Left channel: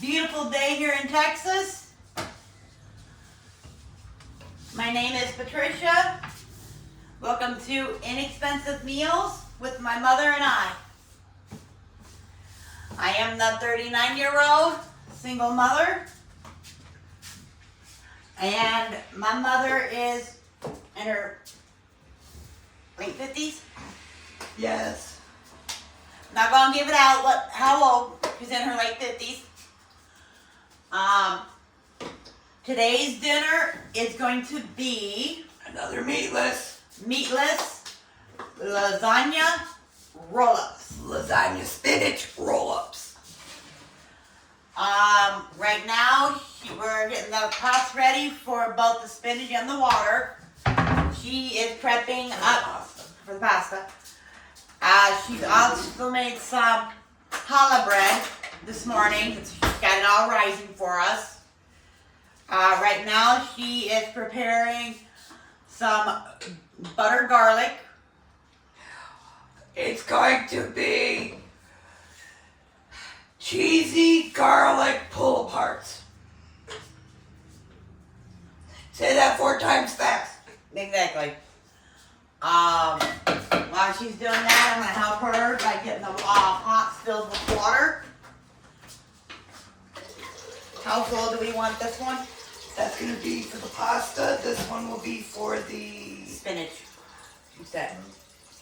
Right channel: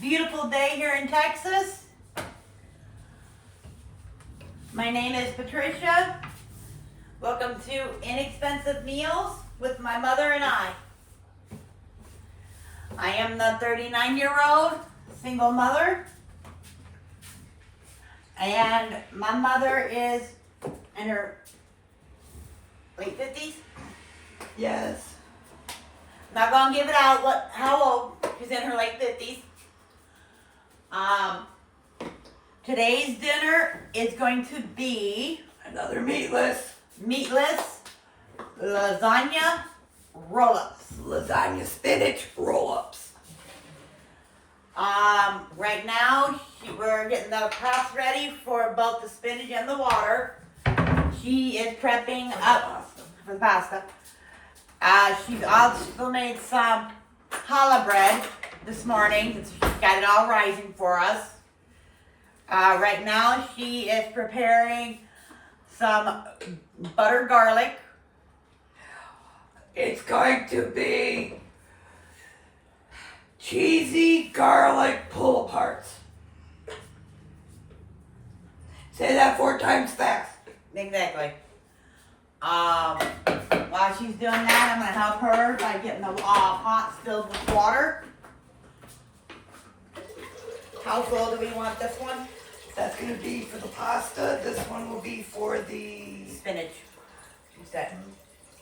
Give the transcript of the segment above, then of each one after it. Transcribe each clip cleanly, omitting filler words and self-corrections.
beautiful day here in Texas. My name is Patricia. Welcome to Inexpensive Meals with my mother and I. I am the 39-year-old single mother, and my mother is in her late 50s. Yes. Not gonna give it out how old. She's in her late 50s. Today's dinner is going to be Another meatless lasagna roll-ups. lasagna spinach roll-ups. Right now we're getting the pots ready for both the spinach and the water. She is prepping up for the pasta. She's also made some challah bread this morning. She's got it all rising for us. Right now she is preparing some butter garlic. It's going to be cheesy garlic pull-aparts. Say that 4 times fast. Exactly. While she's doing that, I'm going to help her by getting the pots filled with water. How full do we want this one? That's going to be for the pasta. This one will be for the Spinach. Instead.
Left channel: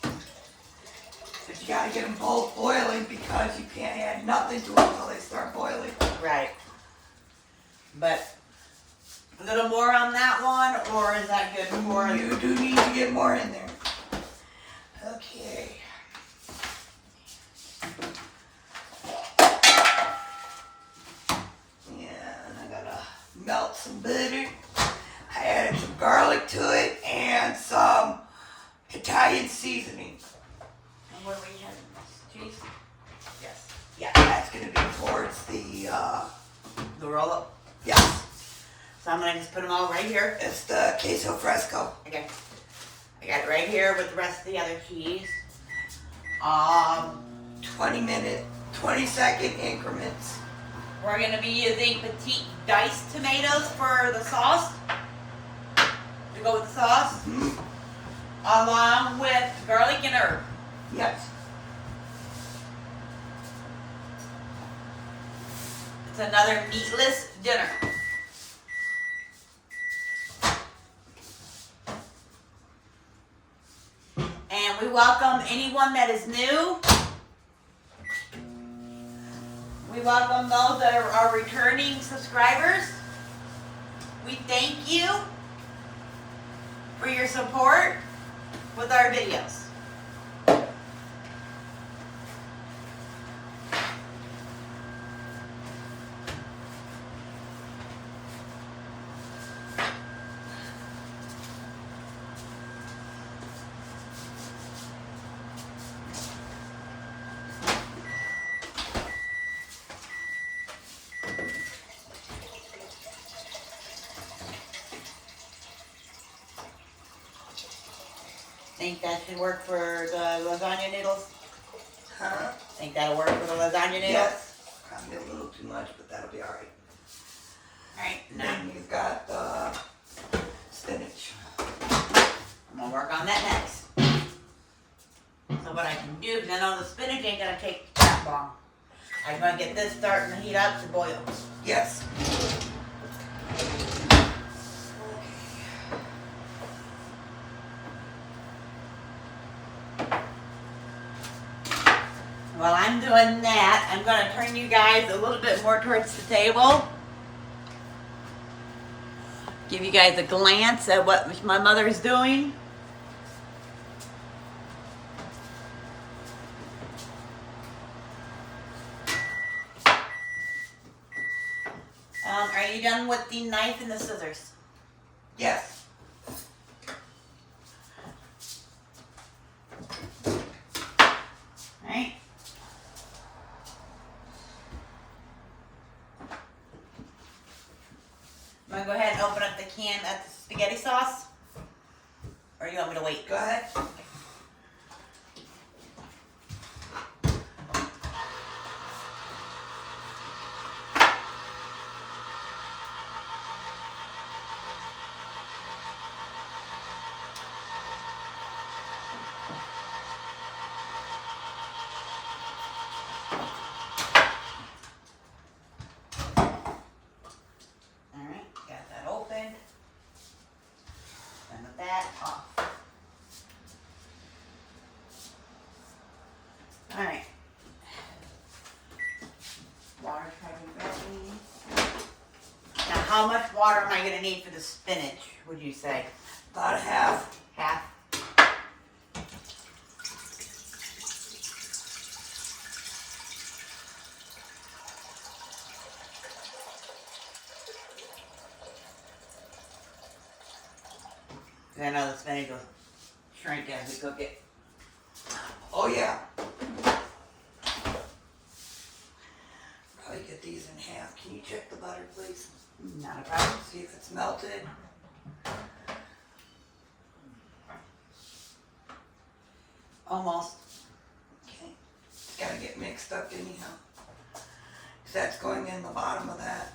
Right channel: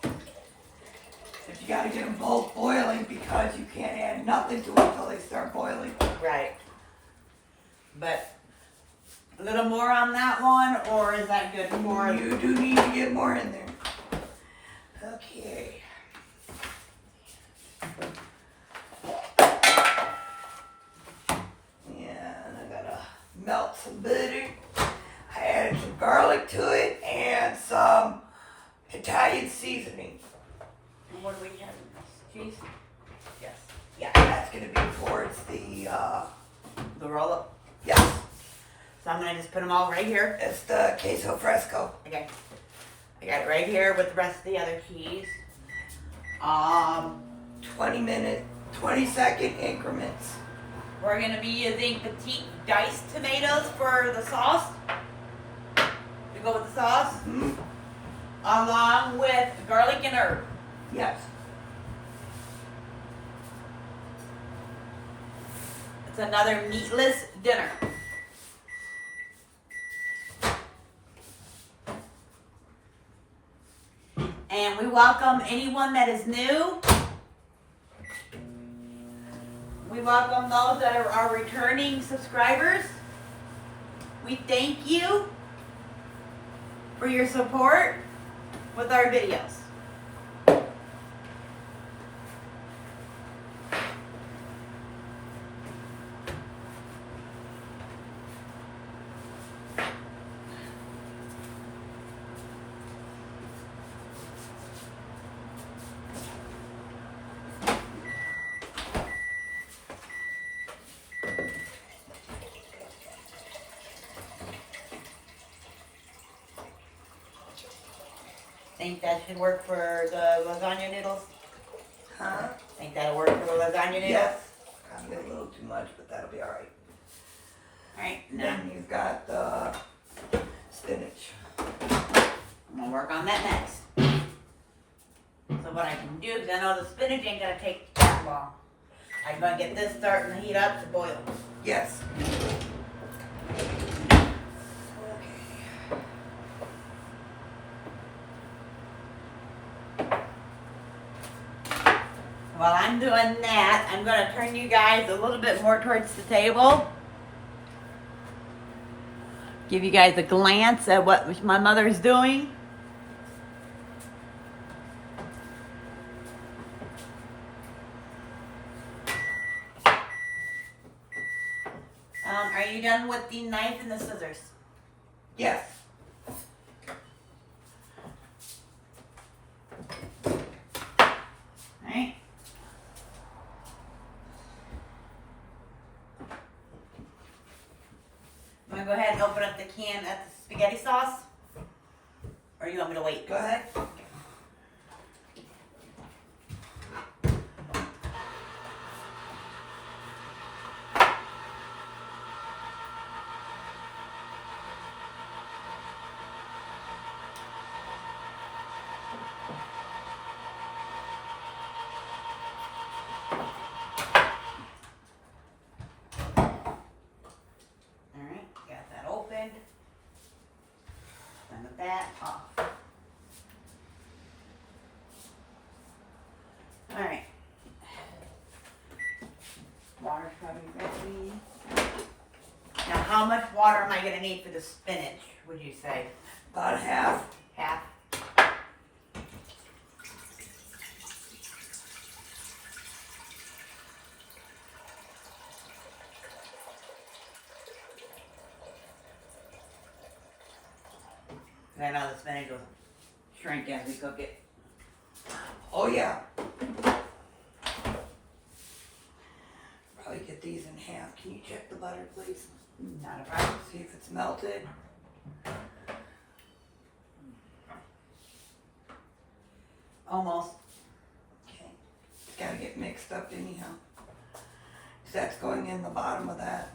But you got to get them both boiling because you can't add nothing to it until they start boiling. Right. But a little more on that one, or is that good for You do need to get more in there. Okay. Yeah, and I gotta melt some butter. I added some garlic to it and some Italian seasoning. And what are we having? Cheese? Yes. Yeah, that's gonna be towards the roll-up. yes. So I'm going to just put them all right here. It's the queso fresco. Okay. I got it right here with the rest of the other cheese. 20-second increments. We're going to be using petite diced tomatoes for the sauce. To go with the sauce. Mm-hmm. Along with garlic and herb. Yes. It's another meatless dinner. And we welcome anyone that is new. We welcome those that are our returning subscribers. We thank you for your support with our videos. Think that should work for the lasagna noodles? Huh? Think that'll work for the lasagna noodles? Yes. Probably a little too much, but that'll be alright. Alright, And now then you've got the spinach. I'm gonna work on that next. So what I can do, because I know the spinach ain't gonna take that long. I'm gonna get this starting to heat up to boil. Yes. While I'm doing that, I'm gonna turn you guys a little bit more towards the table. Give you guys a glance at what my mother's doing. Are you done with the knife and the scissors? Yes. Right? I'm gonna go ahead and open up the can of the spaghetti sauce. Or you want me to wait? Go ahead. how much water am I gonna need for the spinach, would you say? About half. Half? I know the spinach will shrink as we cook it. Oh yeah. Probably get these in half. Can you check the butter, please? Not a problem. See if it's melted. Almost. Okay. It's got to get mixed up anyhow. 'Cause that's going in the bottom of that.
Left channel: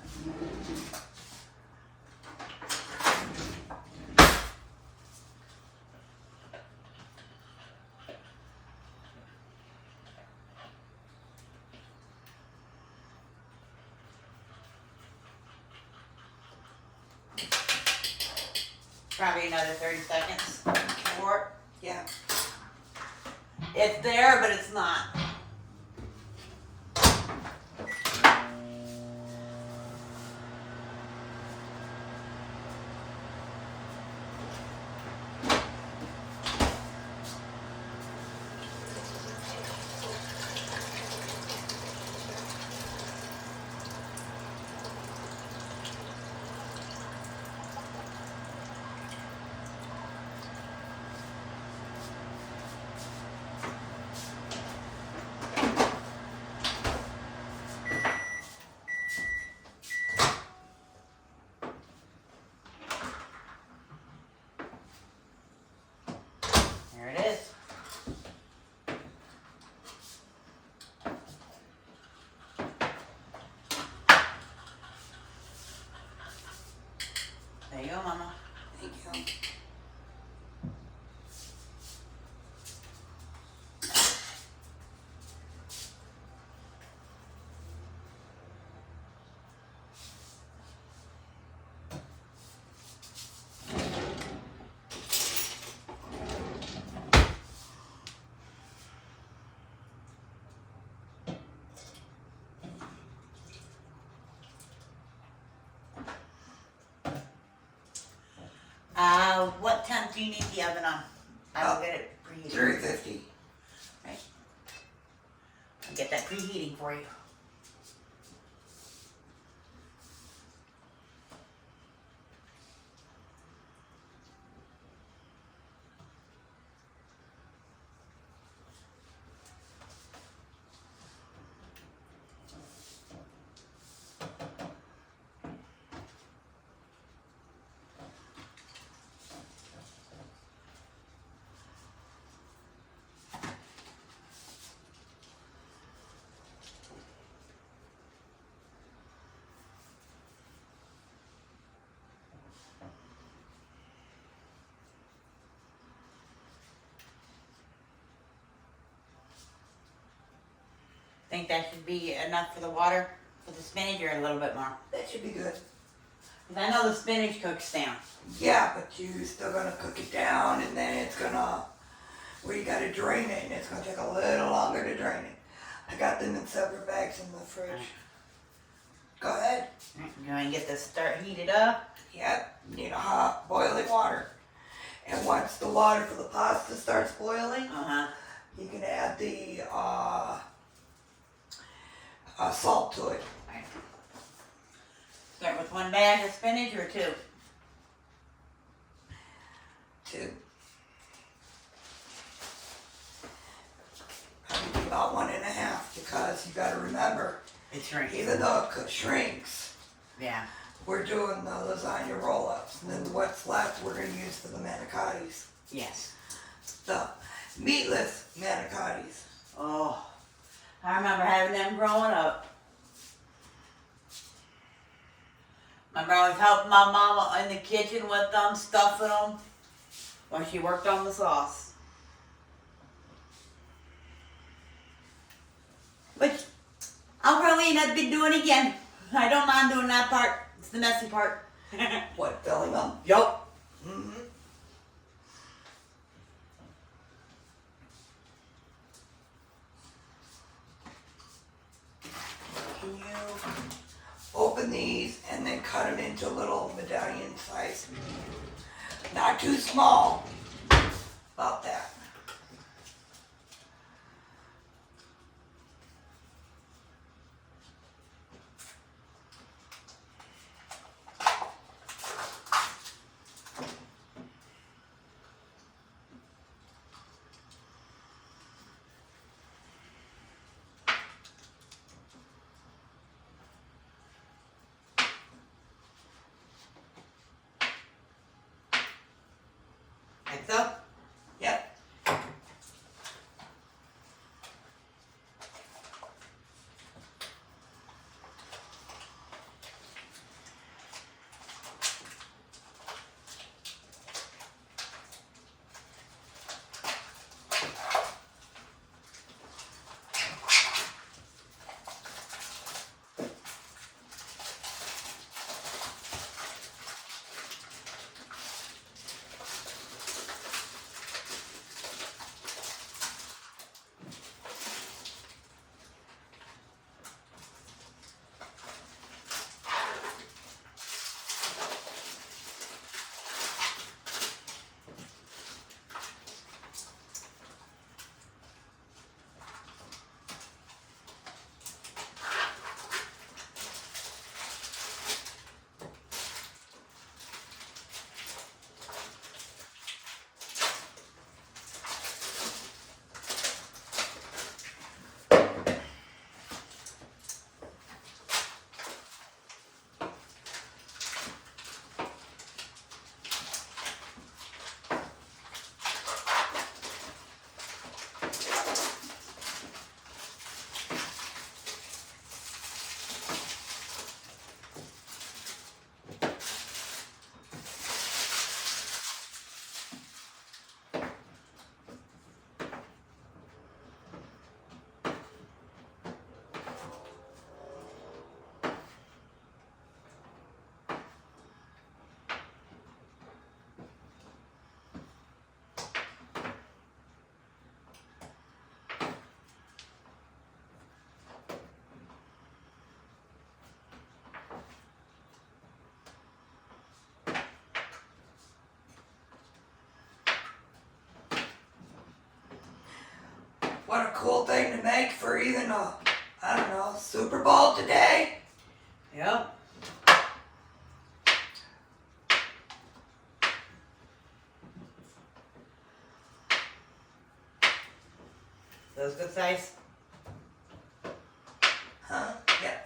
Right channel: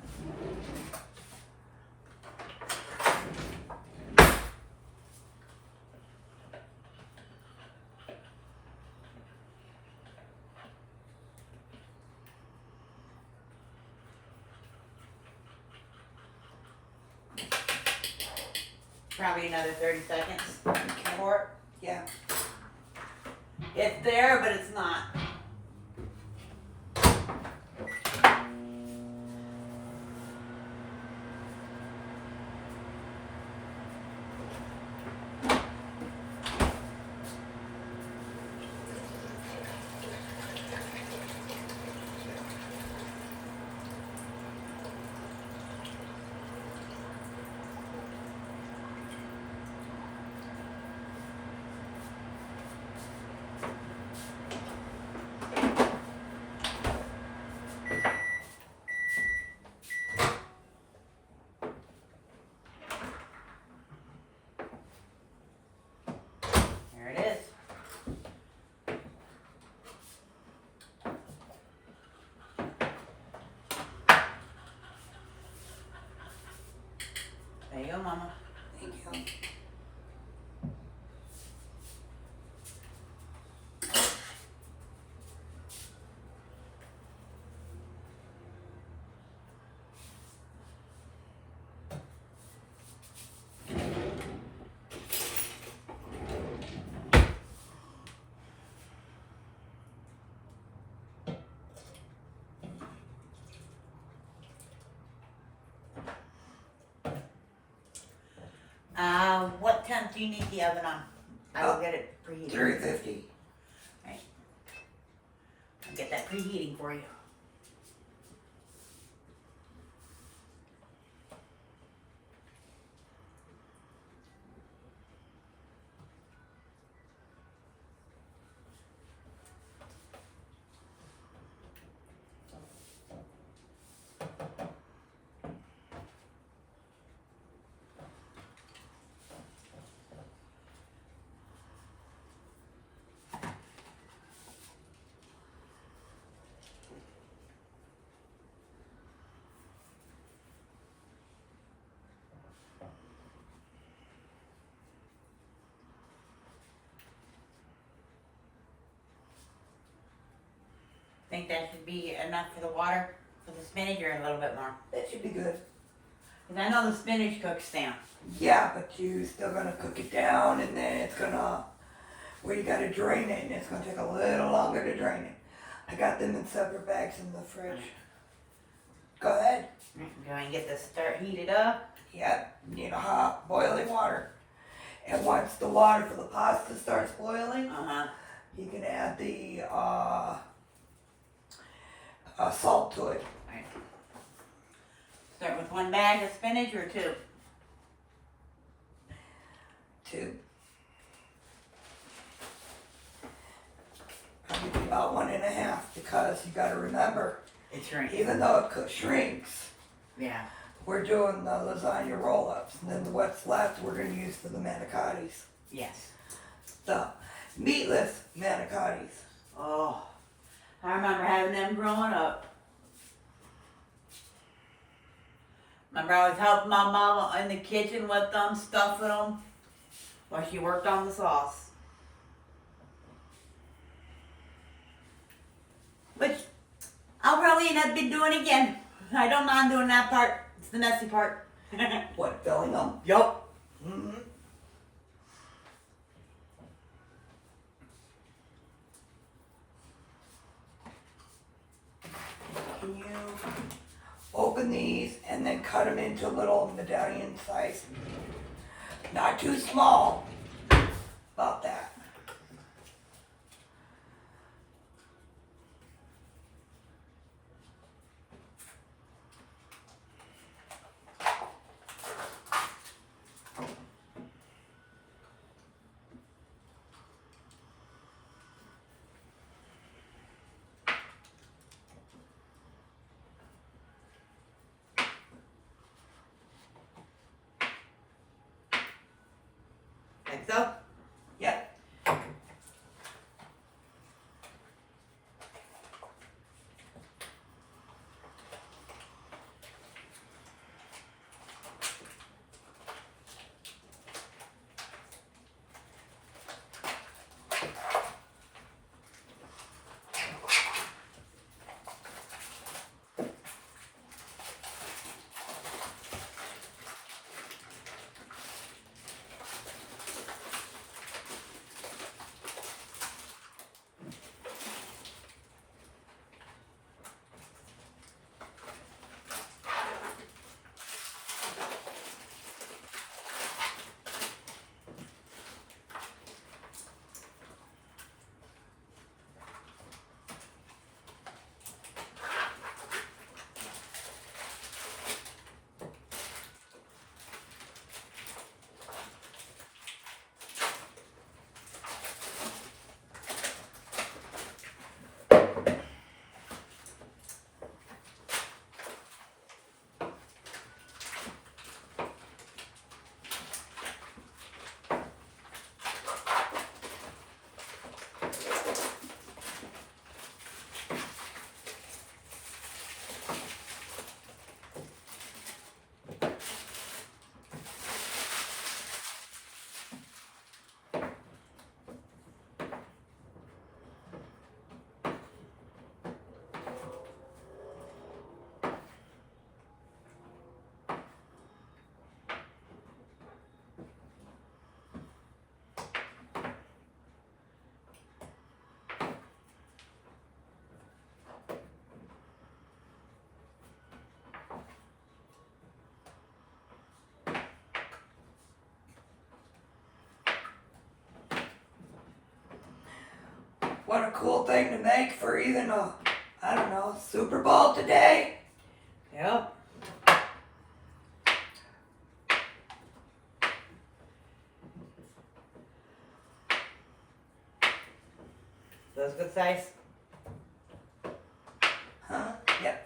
Probably another 30 seconds for it. Yeah. It's there, but it's not. There it is. There you go, Mama. Thank you. What temp do you need the oven on? I will get it preheated. 350. Right. I'll get that preheating for you. Think that should be enough for the water for the spinach, or a little bit more? That should be good. Because I know the spinach cooks down. Yeah, but you still gonna cook it down, and then it's gonna, well, you gotta drain it, and it's gonna take a little longer to drain it. I got them in separate bags in the fridge. Go ahead. Go and get this start heated up. Yep, you know, hot boiling water. And once the water for the pasta starts boiling, you can add the salt to it. Right. Start with one bag of spinach or two? Two. Probably about 1.5, because you gotta remember, It's shrinking. even though it shrinks, Yeah. we're doing the lasagna roll-ups, and then what's left we're gonna use for the manicottis. Yes. The meatless manicottis. Oh, I remember having them growing up. Remember I was helping my mama in the kitchen with them, stuffing them, while she worked on the sauce. Which I'll probably end up doing again. I don't mind doing that part. It's the messy part. What, filling them? Yup. Mm-hmm. Can you open these and then cut them into little medallion size. Not too small, about that. Like so? Yep. What a cool thing to make for even a, I don't know, Super Bowl today. Yeah. Those good size? Huh? Yeah.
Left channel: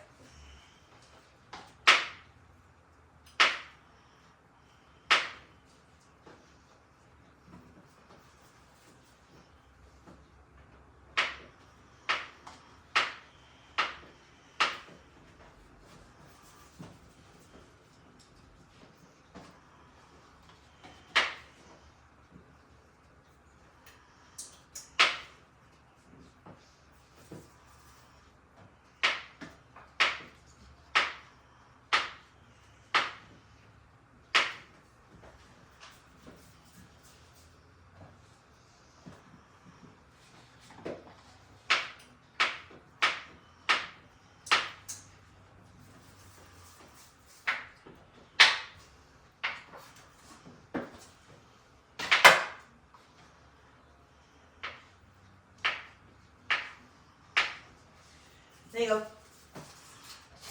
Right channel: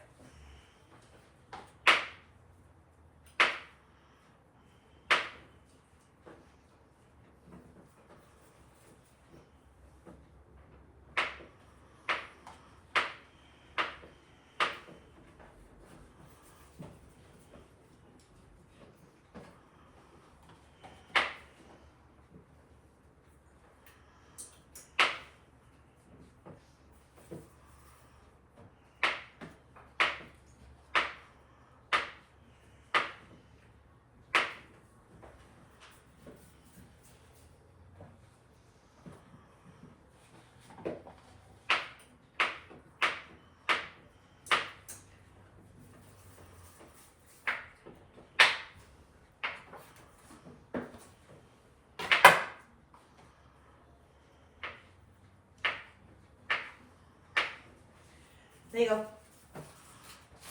There you go.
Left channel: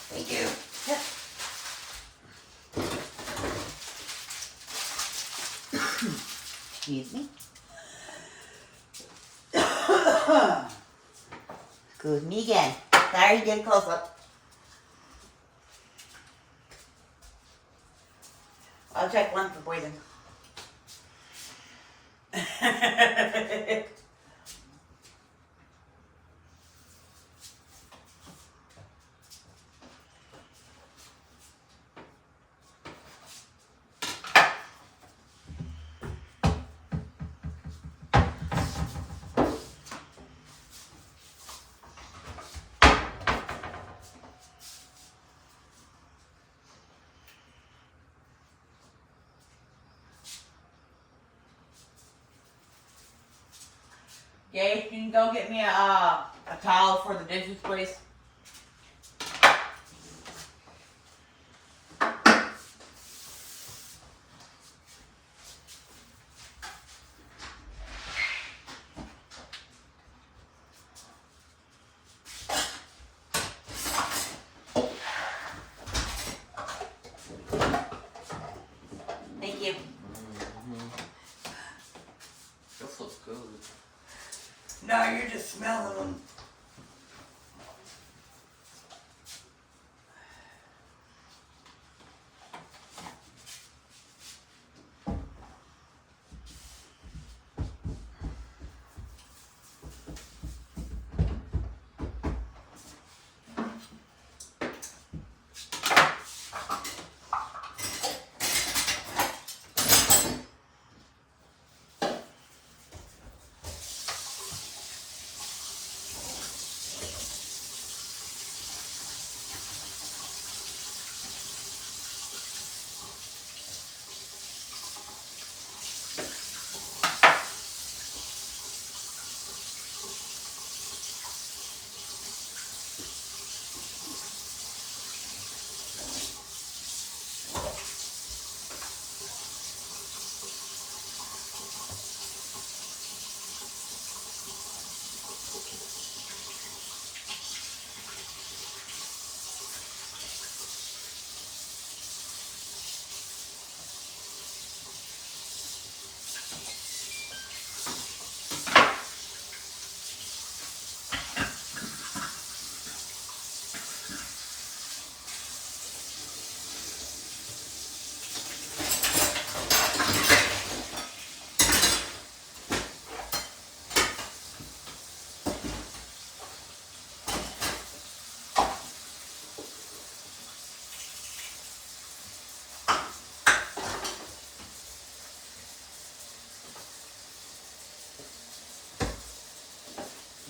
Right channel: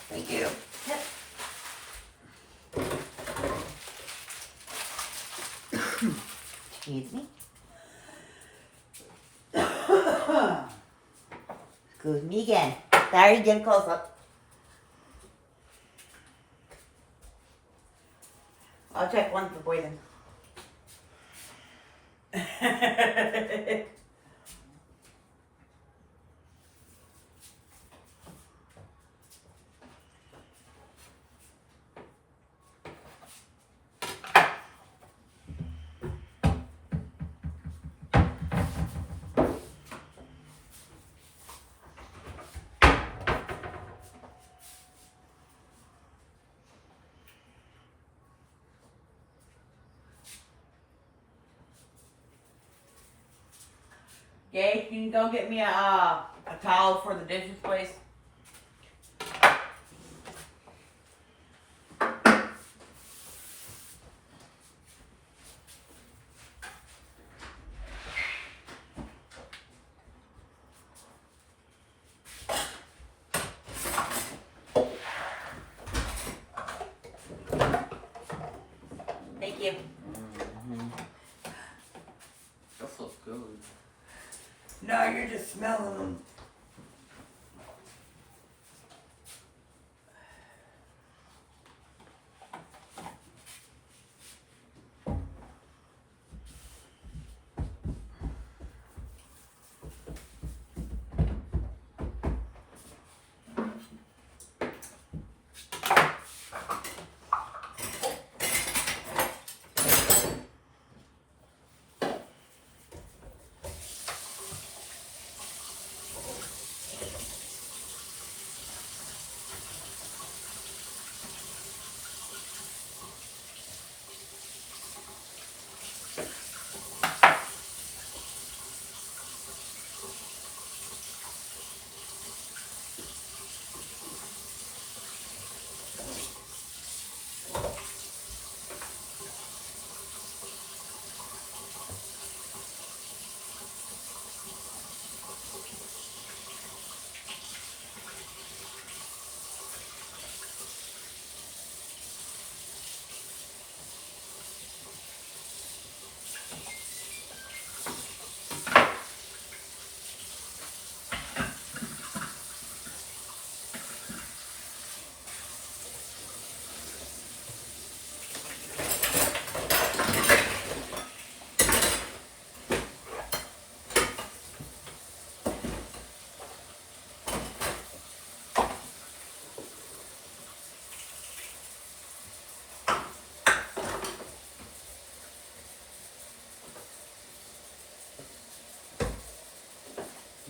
Thank you. Yep. Excuse me. Excuse me again. Sorry, getting close up. I'll check one for poison. Gage, can you go get me a towel for the dishes, please? No, you're just smelling them.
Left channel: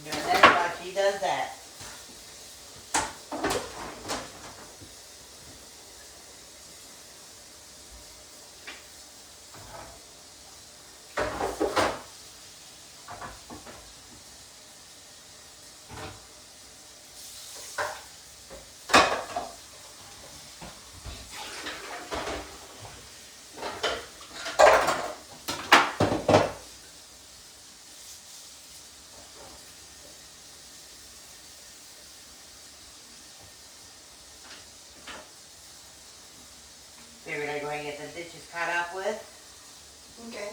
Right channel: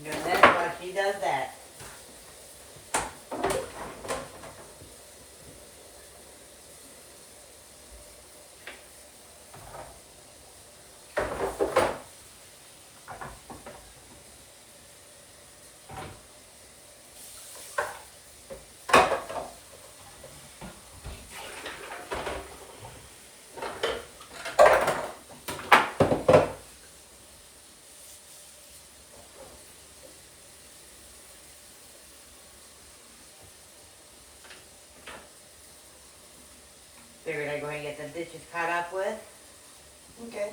Doing this while she does that. Figured I'd go ahead and get the dishes caught up with. Okay.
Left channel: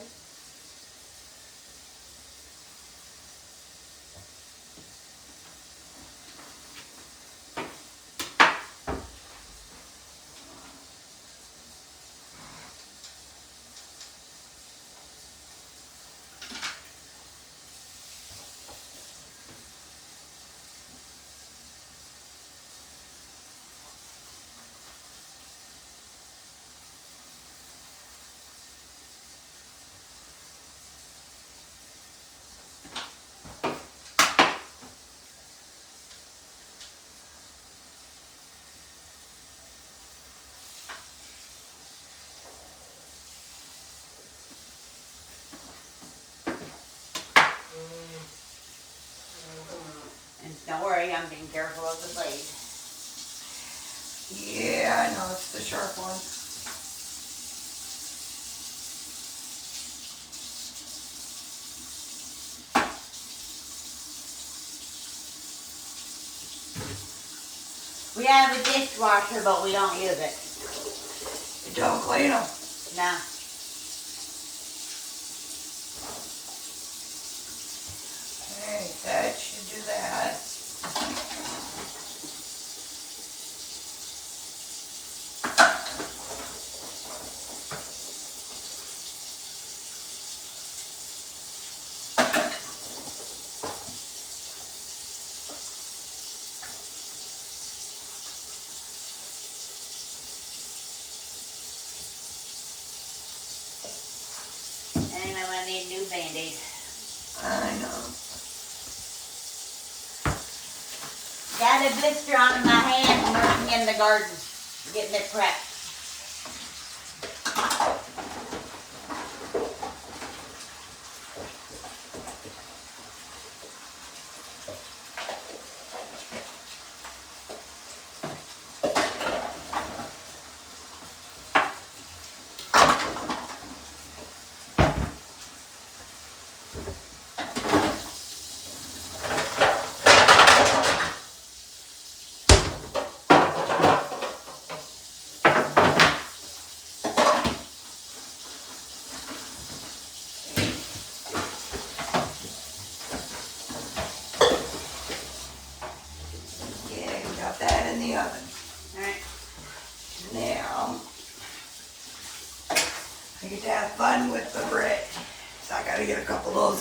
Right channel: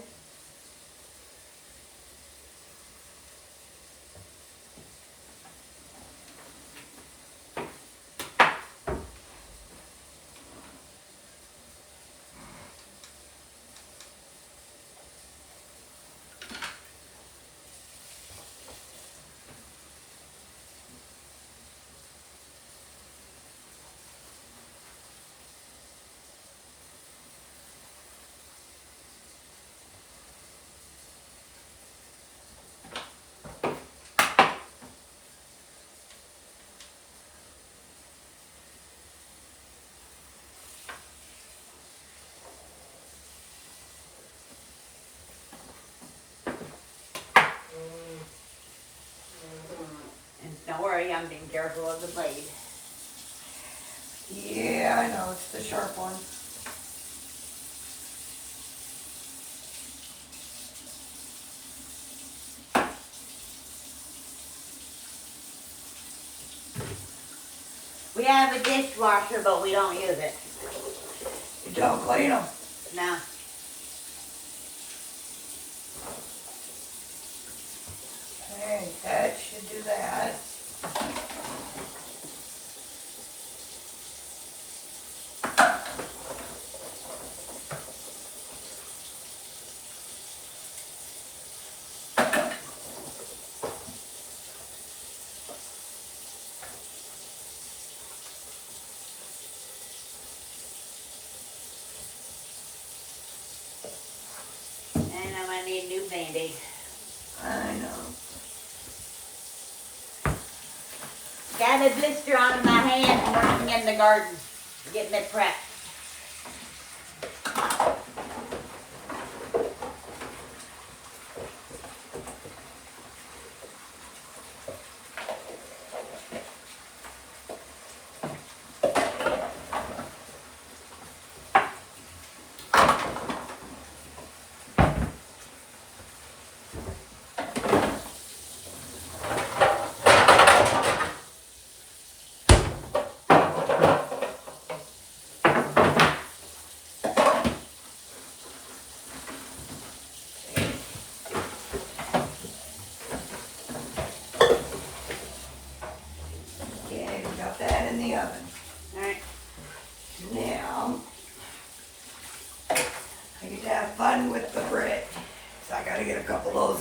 And don't worry, I'm being careful of the blade. Yeah, I know, it's the sharp one. We have a dishwasher, but we don't use it. You don't clean them. No. Okay, that should do that. And I'm gonna need a new Band-Aid. I know. Got a blister on my hand from working in the garden, getting it prepped.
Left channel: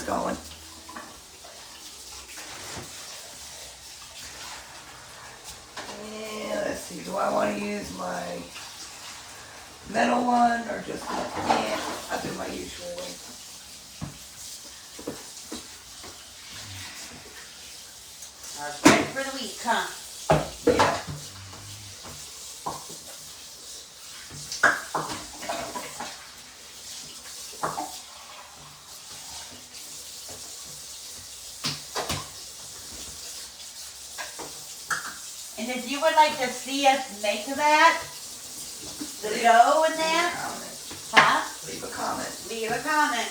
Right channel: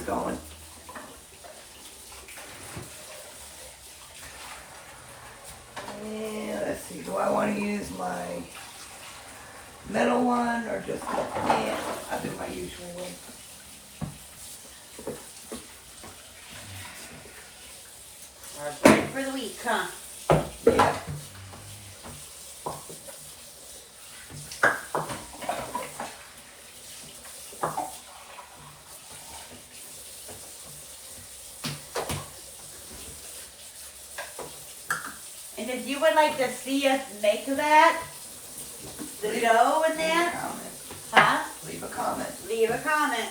this going. And let's see, do I want to use my metal one or just, yeah, I'll do my usual way. Our bread for the week, huh? Yeah. And if you would like to see us make that, the dough in Leave a that, comment. huh? Leave a comment. Leave a comment.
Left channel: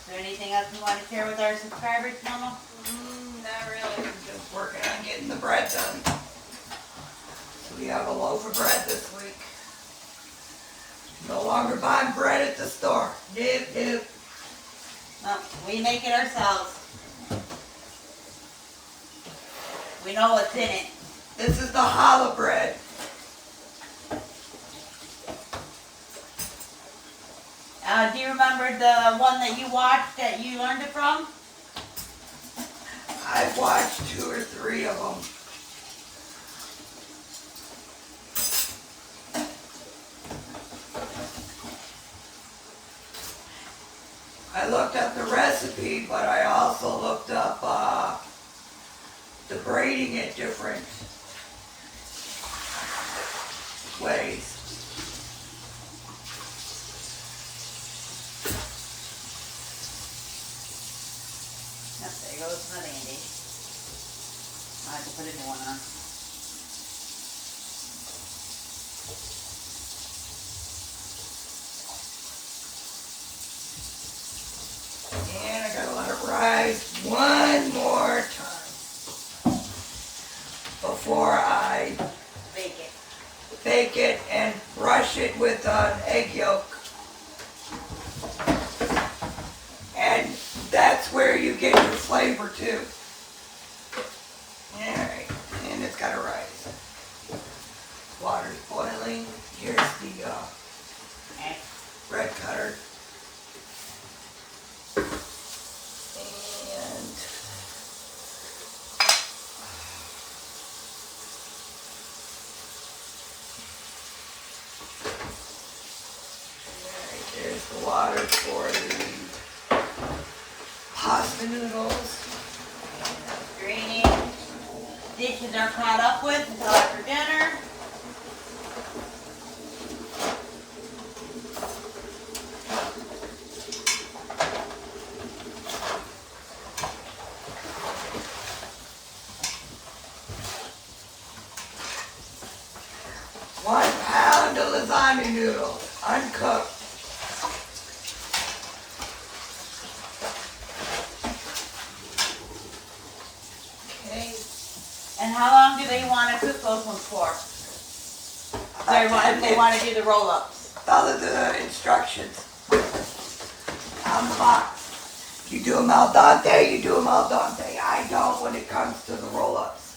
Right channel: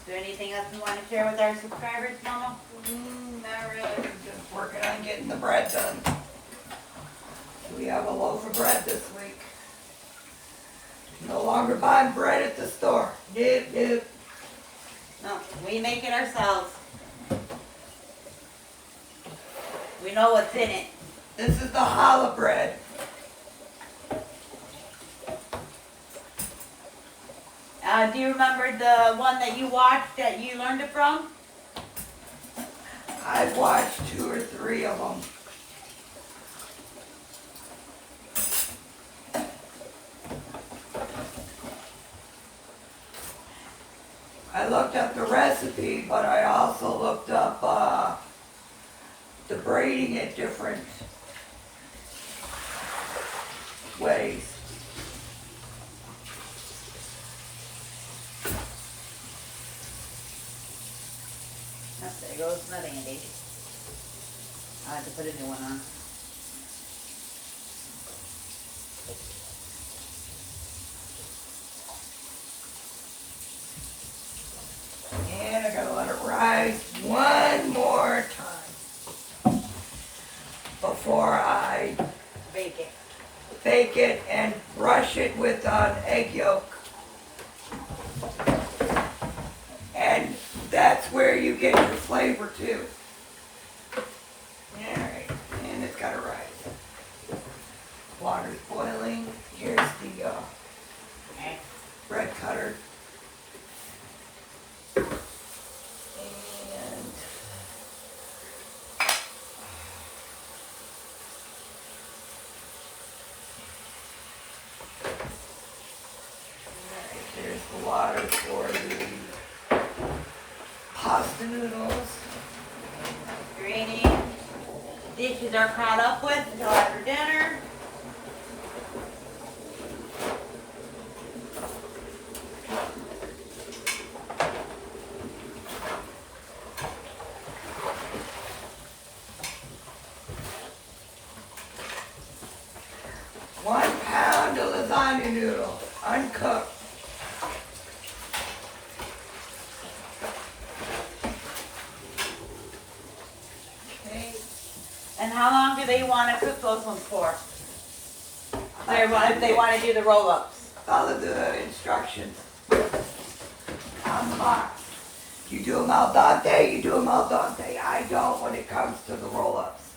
Is there anything else you want to share with our subscribers, Mama? Not really. I'm just working on getting the bread done. So we have a loaf of bread this week. No longer buying bread at the store. Nope. No, we make it ourselves. We know what's in it. This is the challah bread. Do you remember the one that you watched that you learned it from? I've watched 2 or 3 of them. I looked up the recipe, but I also looked up the braiding it different ways. Yep, there goes another Andy. I'll have to put a new one on. And I gotta let it rise one more time before I Bake it. bake it and brush it with an egg yolk. And that's where you get your flavor too. Alright, and it's gotta rise. Water's boiling. Here's the Okay. bread cutter. And alright, there's the water for the pasta noodles. Greeny. The dishes are caught up with until after dinner. One pound of lasagna noodles, uncooked. Okay. And how long do they want to cook those ones for? If they want to do the roll-ups. Follow the instructions on the box. You do them al dente, you do them al dente. I don't when it comes to the roll-ups.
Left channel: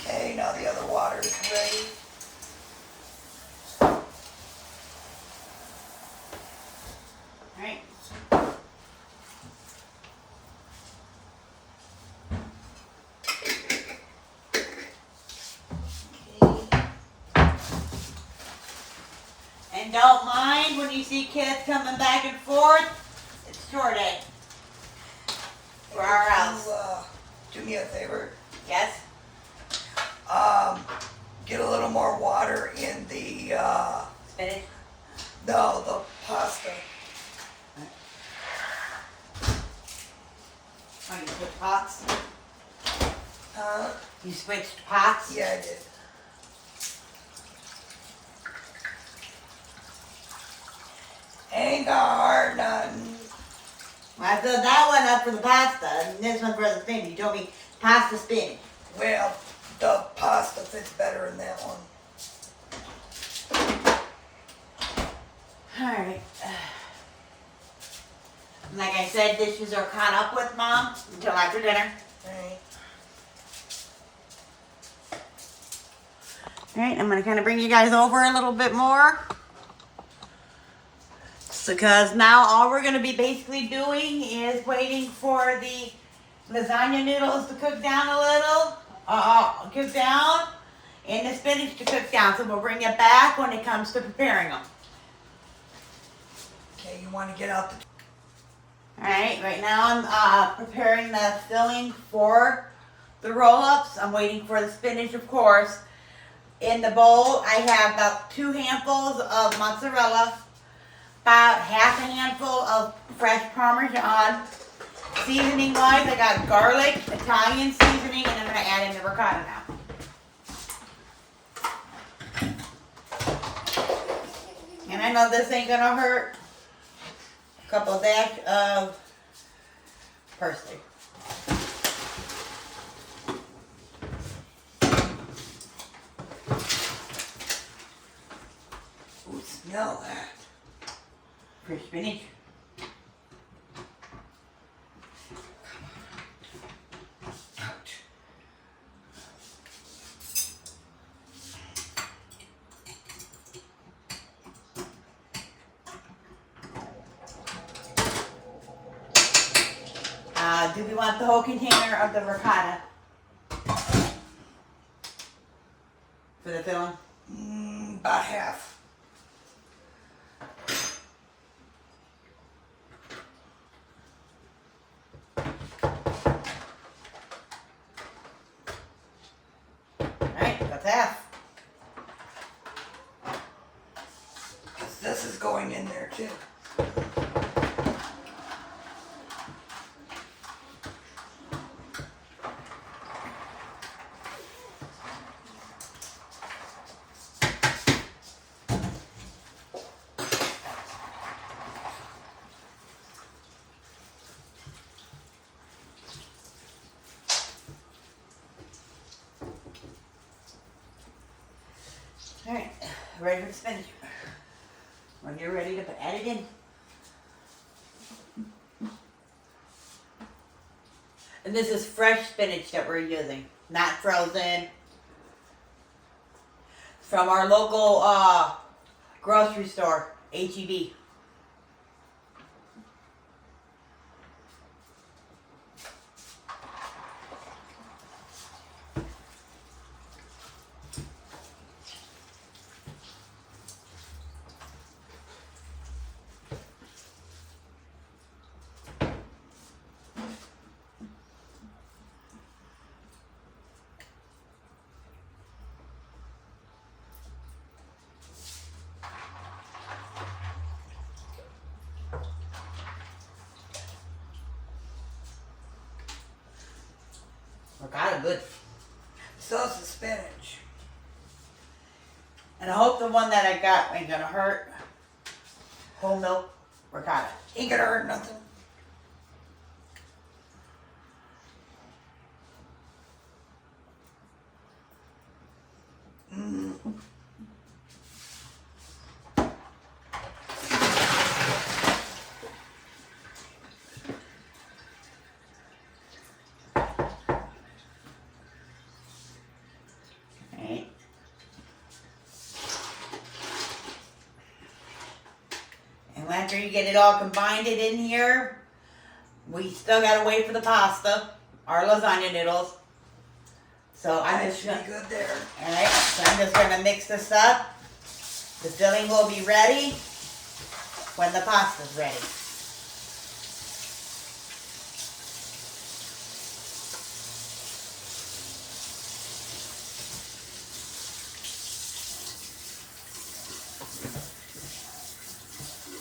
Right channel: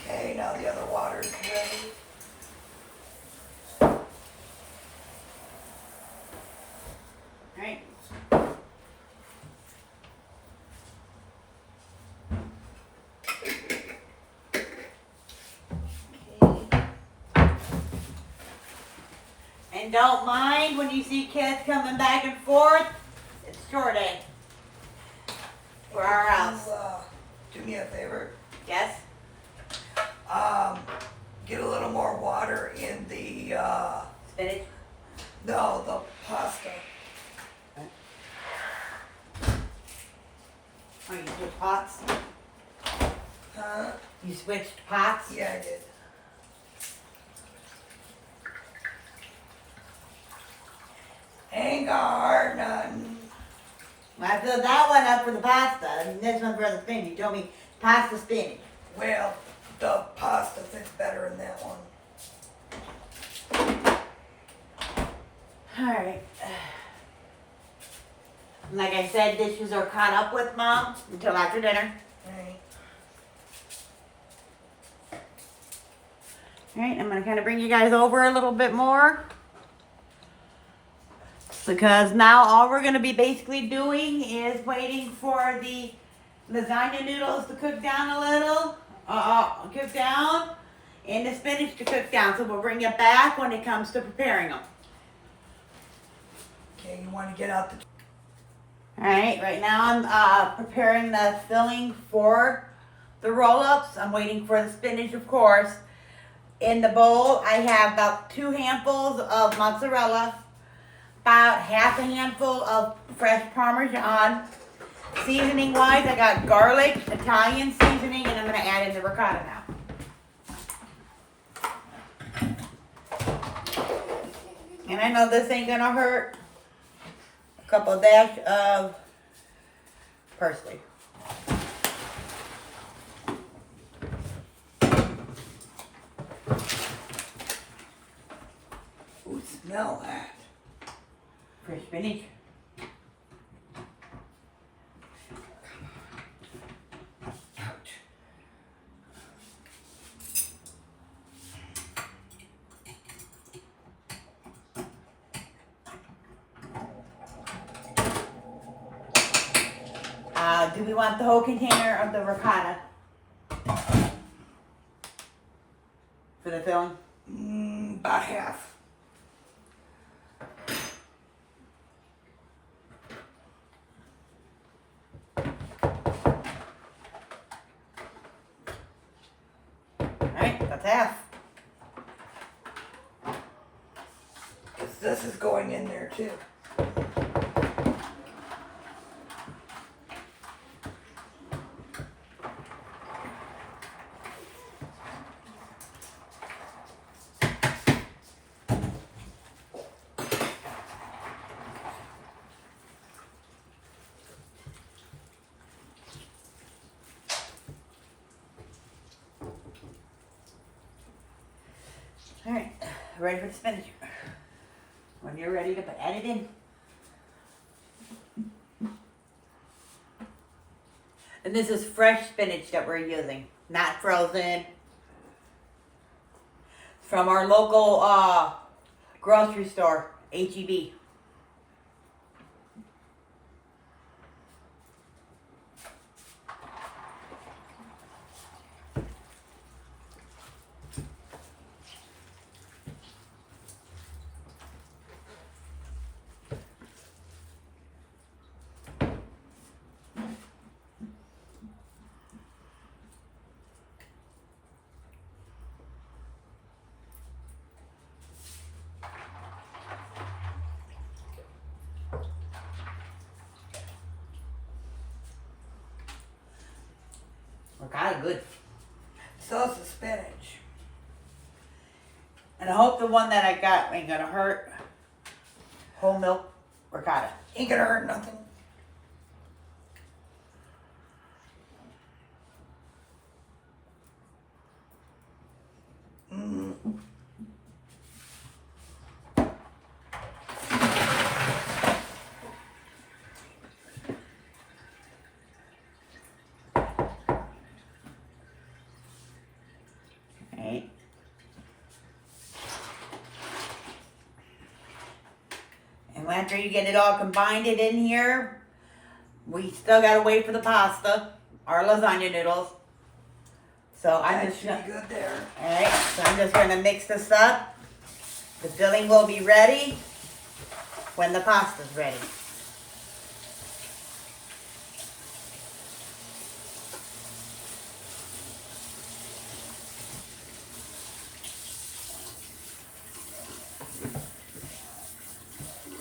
Okay, now the other water is ready. Alright. And don't mind when you see kids coming back and forth. It's chore day for our house. Do me a favor. Yes? Get a little more water in the, Spinach? no, the pasta. Oh, you switched pots? Huh? You switched pots? Yeah, I did. Ain't gonna hurt nothing. Well, I filled that one up for the pasta, and this one for the spinach. You told me pasta spinach. Well, the pasta fits better in that one. Alright. Like I said, dishes are caught up with, Mom, until after dinner. Alright. Alright, I'm gonna kind of bring you guys over a little bit more. Because now all we're gonna be basically doing is waiting for the lasagna noodles to cook down a little, cook down, and the spinach to cook down. So we'll bring it back when it comes to preparing them. Okay, you want to get out the... Alright, right now I'm preparing the filling for the roll-ups. I'm waiting for the spinach, of course. In the bowl, I have about 2 handfuls of mozzarella, about half a handful of fresh Parmesan. Seasoning wise, I got garlic, Italian seasoning, and I'm going to add in the ricotta now. And I know this ain't going to hurt. A couple dash of parsley. Ooh, smell that. Fresh spinach. Ouch. Do we want the whole container of the ricotta for the filling? About half. Alright, that's half. Because this is going in there too. Alright, ready for the spinach. When you're ready to add it in. And this is fresh spinach that we're using, not frozen. From our local grocery store, H-E-B. Ricotta good. So is the spinach. And I hope the one that I got ain't gonna hurt. Whole milk ricotta. Ain't gonna hurt nothing. Okay. And after you get it all combined in here, we still gotta wait for the pasta, our lasagna noodles. So I'm That just should gonna, be good there. alright, so I'm just gonna mix this up. The filling will be ready when the pasta's ready.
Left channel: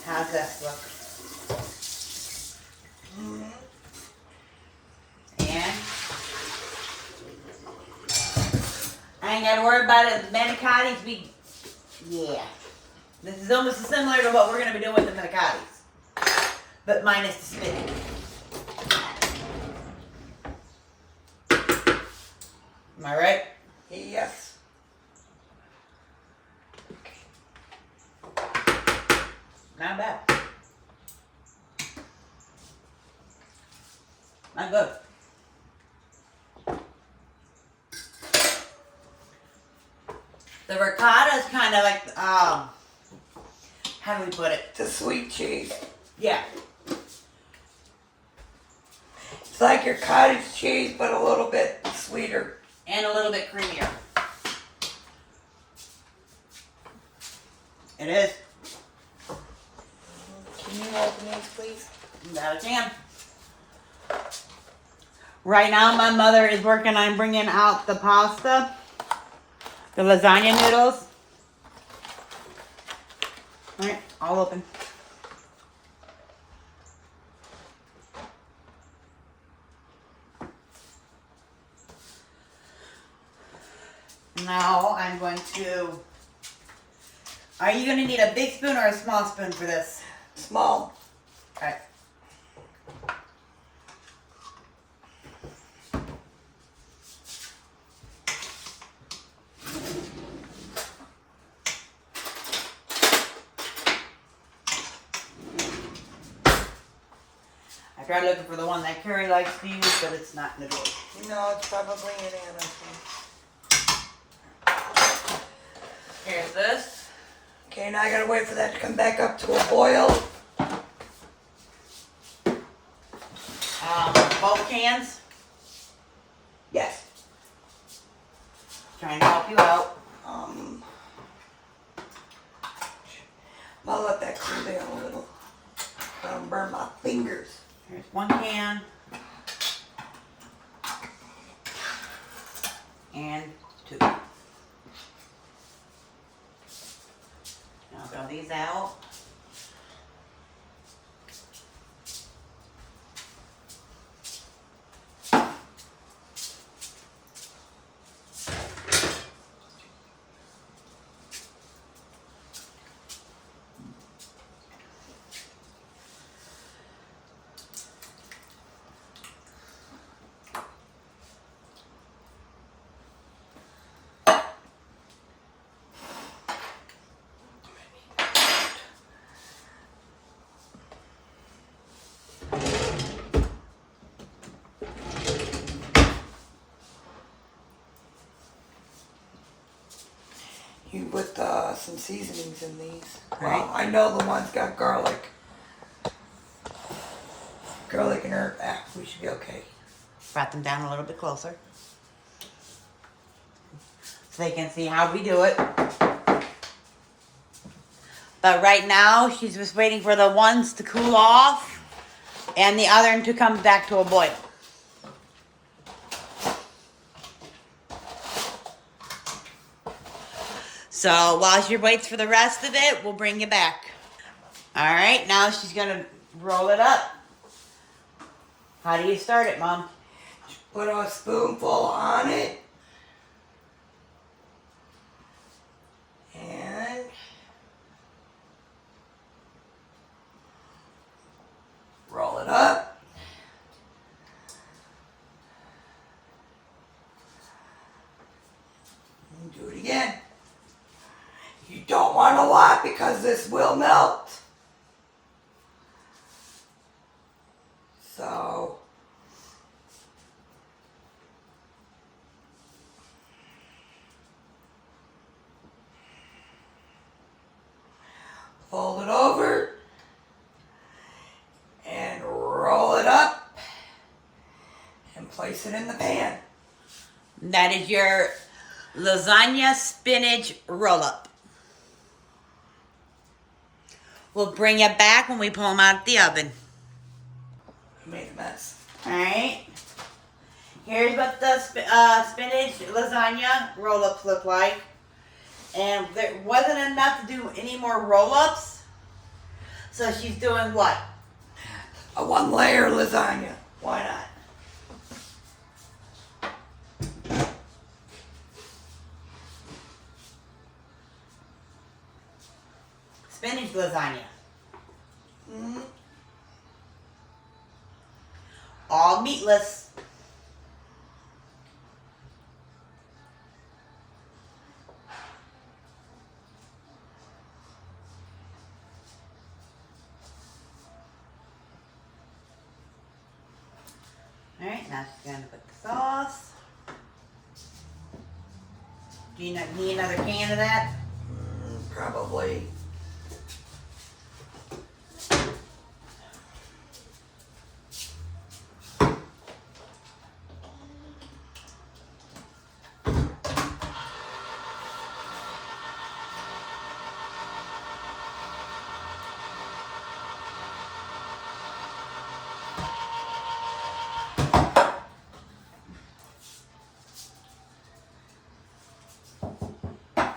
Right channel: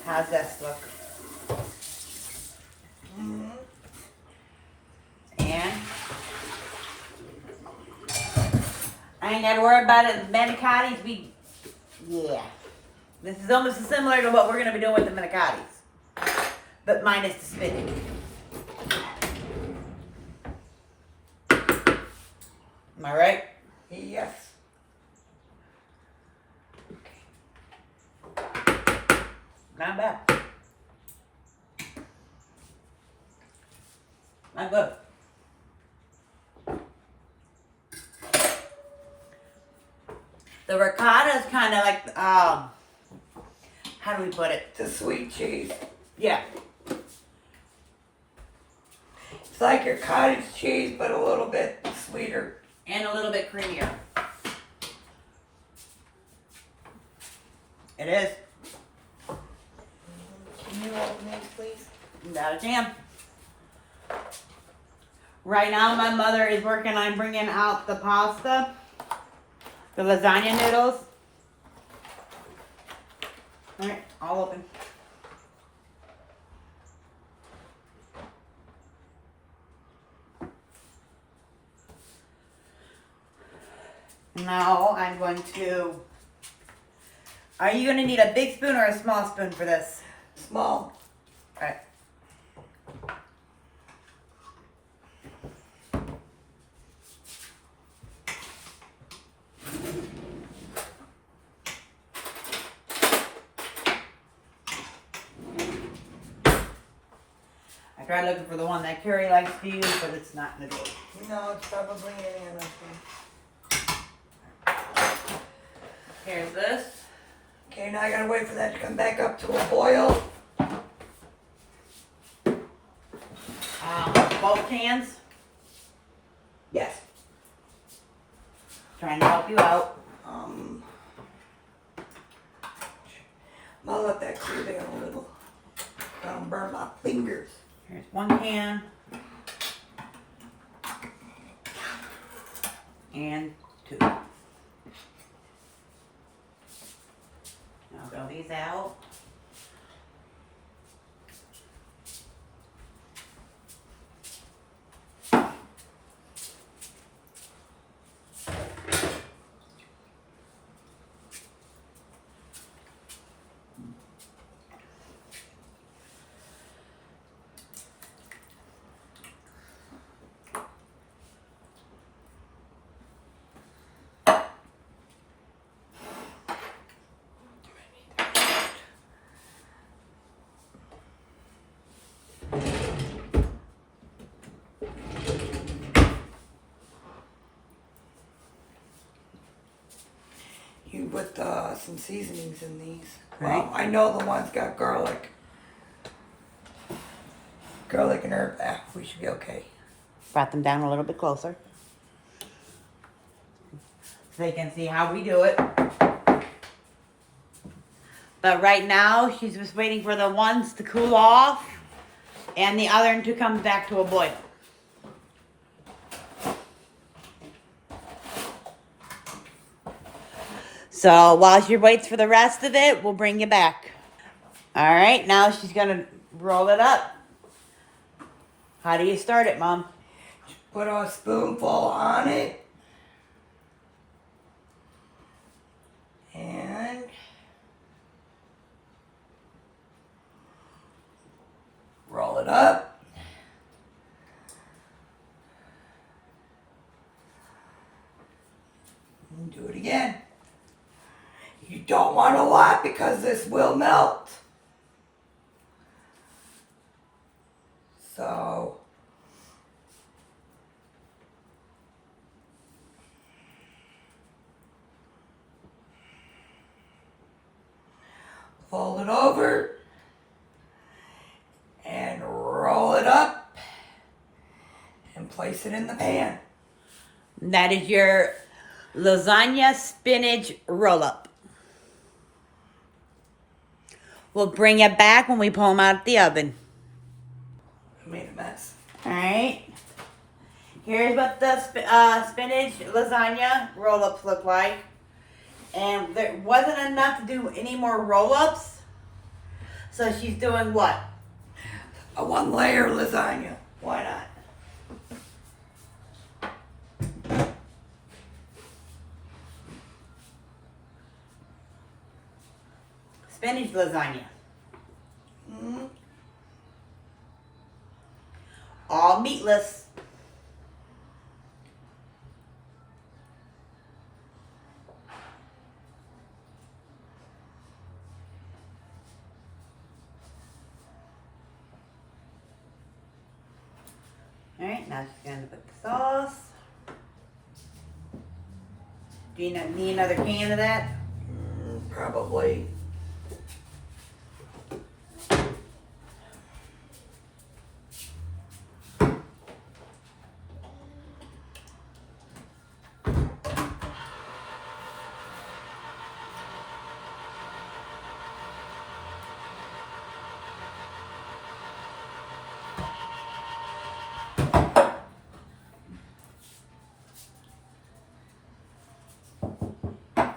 How's this look? And I ain't gotta worry about it. The manicottis, yeah. This is almost similar to what we're gonna be doing with the manicottis, but minus the spinach. Am I right? Yes. Not bad. Not good. The ricotta is kind of like, how do we put it? It's a sweet cheese. Yeah. It's like your cottage cheese, but a little bit sweeter. And a little bit creamier. It is. Can you open these, please? Without a jam. Right now, my mother is working on bringing out the pasta, the lasagna noodles. All right, all open. Now I'm going to. Are you going to need a big spoon or a small spoon for this? Small. All right. I tried looking for the one that Carrie likes to use, but it's not in the drawer. No, it's probably any of those things. Here's this. Okay, now I gotta wait for that to come back up to a boil. Both cans. Yes. Trying to help you out. I'll let that cool down a little. Don't burn my fingers. Here's one can. And two. Now throw these out. You put some seasonings in these. Right. Well, I know the one's got garlic. Garlic and herb. Ah, we should be okay. Brought them down a little bit closer. So they can see how we do it. But right now, she's just waiting for the ones to cool off and the other one to come back to a boil. So while she waits for the rest of it, we'll bring you back. All right, now she's gonna roll it up. How do you start it, Mom? Put a spoonful on it. And roll it up. And do it again. You don't want a lot because this will melt. So fold it over and roll it up and place it in the pan. That is your lasagna spinach roll-up. We'll bring it back when we pull them out of the oven. Made a mess. Alright. Here's what the spinach lasagna roll-ups look like. And there wasn't enough to do any more roll-ups. So she's doing what? A 1-layer lasagna. Why not? Spinach lasagna. Mm-hmm. All meatless. Alright, now she's going to put the sauce. Do you need another can of that? Probably.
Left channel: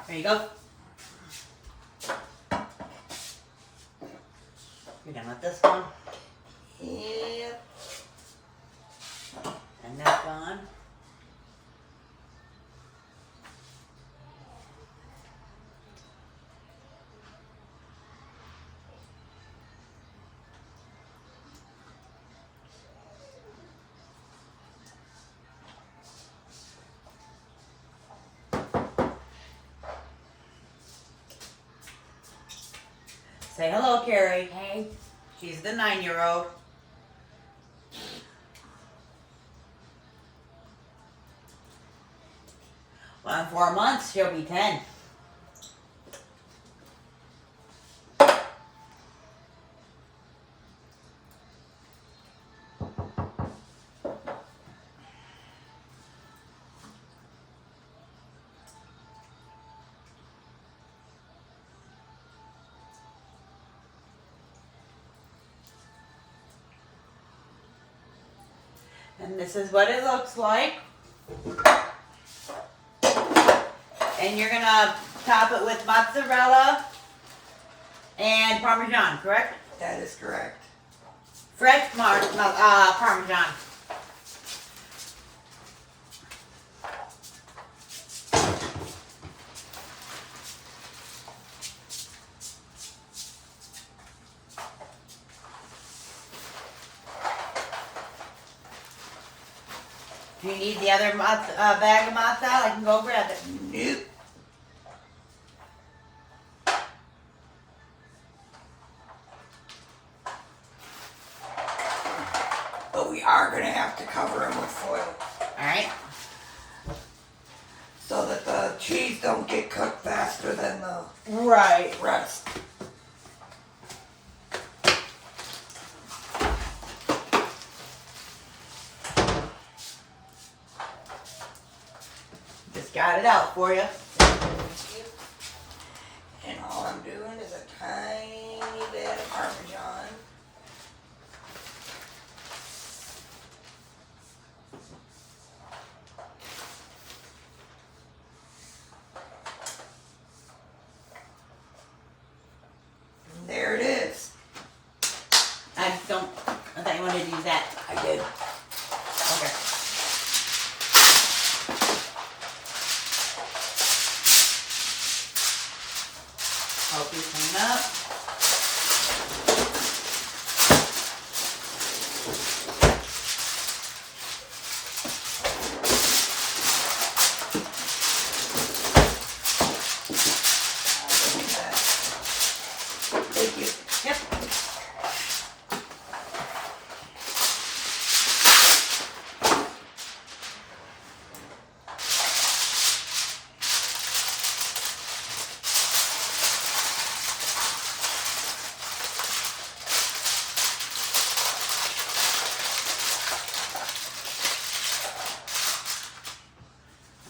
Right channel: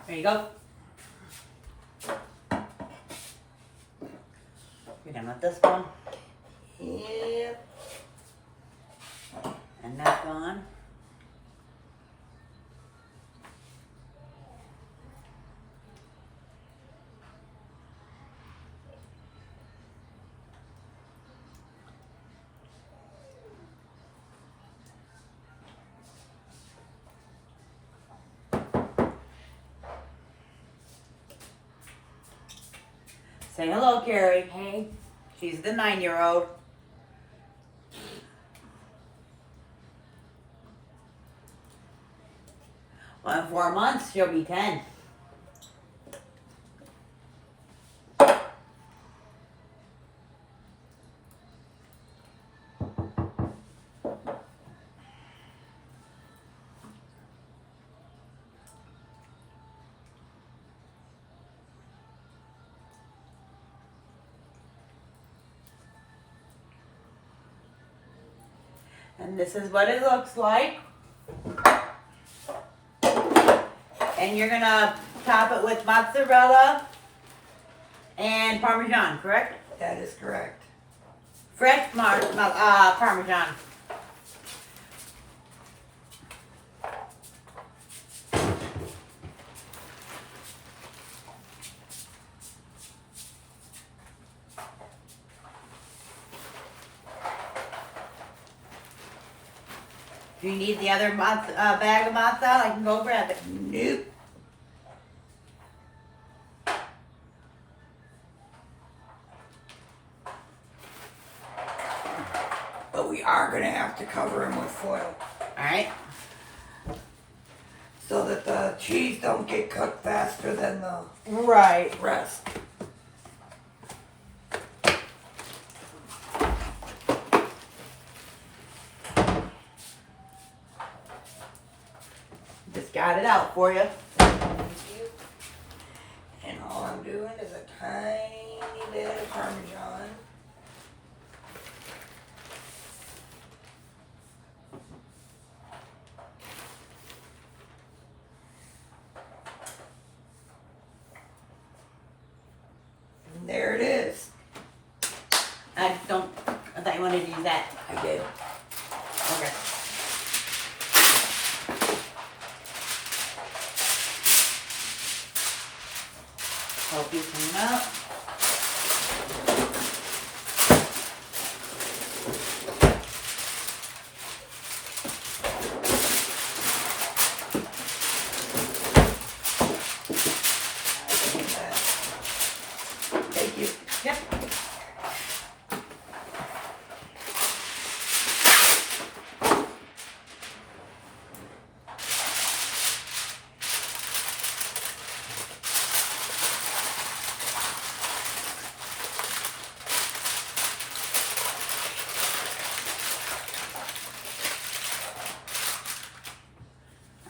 There you go. You're gonna let this one. Yep. And that's gone. Say hello, Carrie. Hey. She's the 9-year-old. Well, in 4 months, she'll be 10. And this is what it looks like. And you're gonna top it with mozzarella and Parmesan, correct? That is correct. Fresh Parmesan. Do you need the other bag of mozzarella? I can go grab it. Nope. But we are going to have to cover them with foil Alright. so that the cheese don't get cooked faster than the Right. rest. Just got it out for you. And all I'm doing is a tiny bit of Parmesan. And there it is. I thought you wanted to use that. I did. Okay. Help you clean up. Thank you. Yep.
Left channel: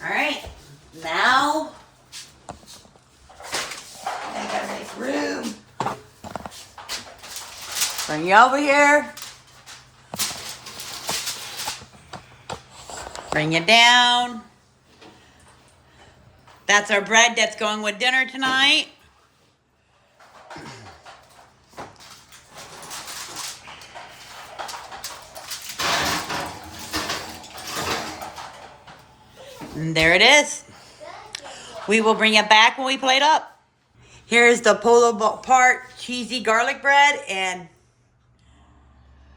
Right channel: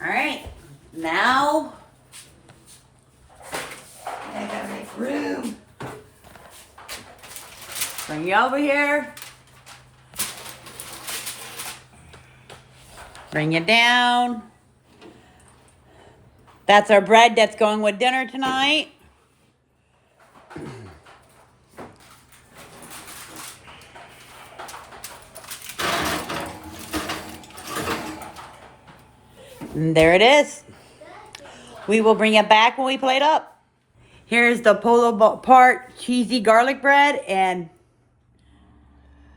All right. Now. I gotta make room. Bring you over here. Bring it down. That's our bread that's going with dinner tonight. And there it is. We will bring it back when we plate up. Here's the pull apart cheesy garlic bread, and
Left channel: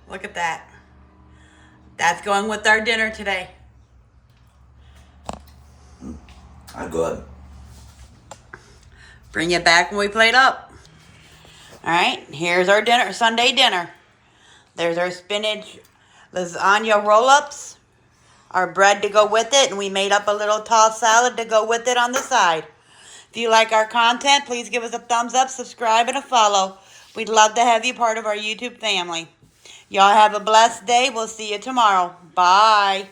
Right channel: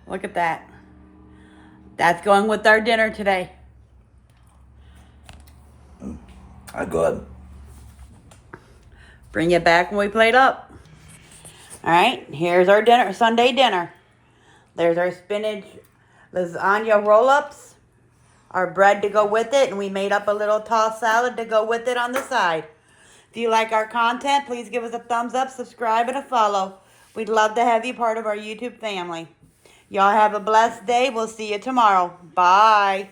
look at that. That's going with our dinner today. Good. Bring it back when we plate up. All right, here's our dinner, Sunday dinner. There's our spinach lasagna roll-ups, our bread to go with it, and we made up a little tossed salad to go with it on the side. If you like our content, please give us a thumbs up, subscribe, and a follow. We'd love to have you part of our YouTube family. Y'all have a blessed day. We'll see you tomorrow. Bye.